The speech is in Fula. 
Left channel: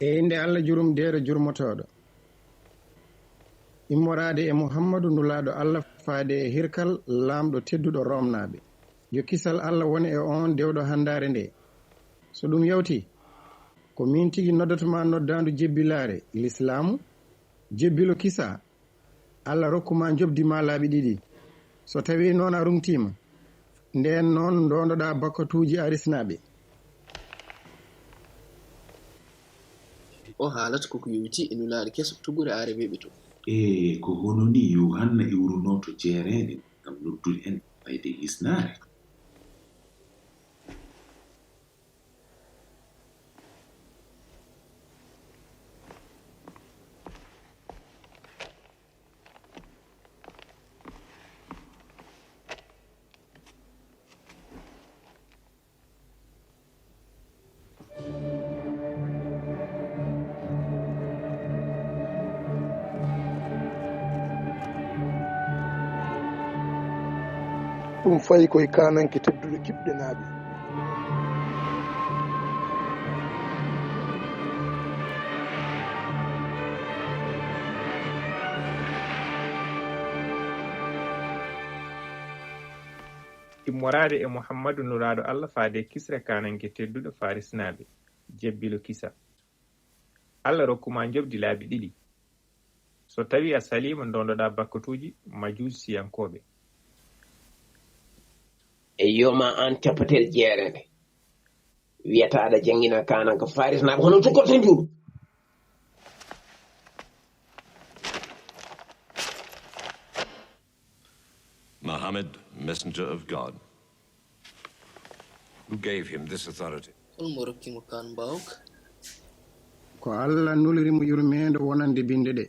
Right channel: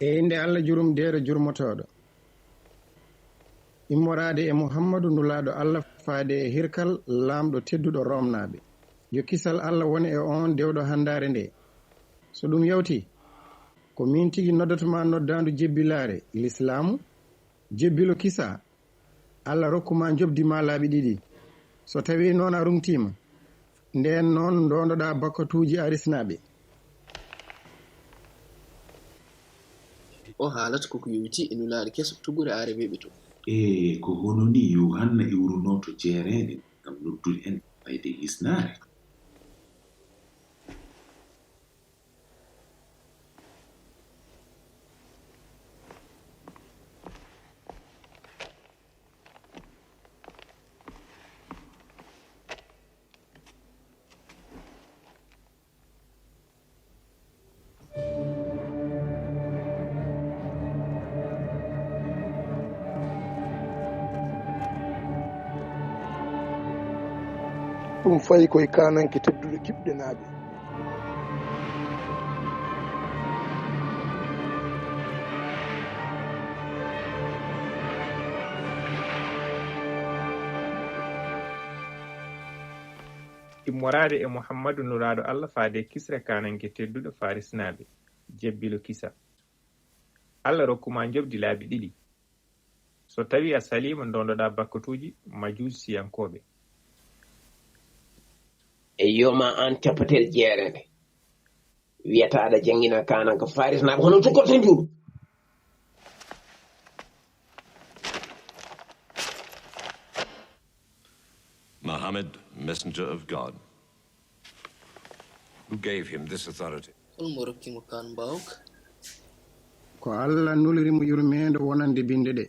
e inde Allah jurum deere jurmotoɗo ummoraade e Muhammadu nulaaɗo Allah faade e hirkal laamɗo tedduɗo romnaaɓe yo kisal Allah woni e on dewɗo handaare nde so ɗum yawti ko min tigi noddatoma noddaandu jebbilaare l'islamu jebbilo kisa Allah rokkuma jobdima laaɓi ɗiɗi so tawi noon a rumtima nden noon ndondoɗa bakkatuuji arisnaaɓe o haalata koko yowiti e nulaaɗo keso tugure aare weɓe to ko hono ni yohanna iwrunoto jeereede ngam noddude en fayde hisnaare ɗum fayi koye kananke tedduɗo kiɓɗe naaɓe ummoraade e Muhammadu nulaaɗo Allah faade kisre kananke tedduɗo farisnaaɓe jebbilo kisa Allah rokkuma jobdi laabi ɗiɗi so tawi a salima ndondoɗa bakkatuji majusiyankoɓe e yoma an tepatel jeerede wiyata aɗa jangina kananka farisnaaɓe hono cukkorto njuuɗo Muhammad, messenger of God, who gave him this authority? ko Allah nulirimo yurmede wonande binde ɗe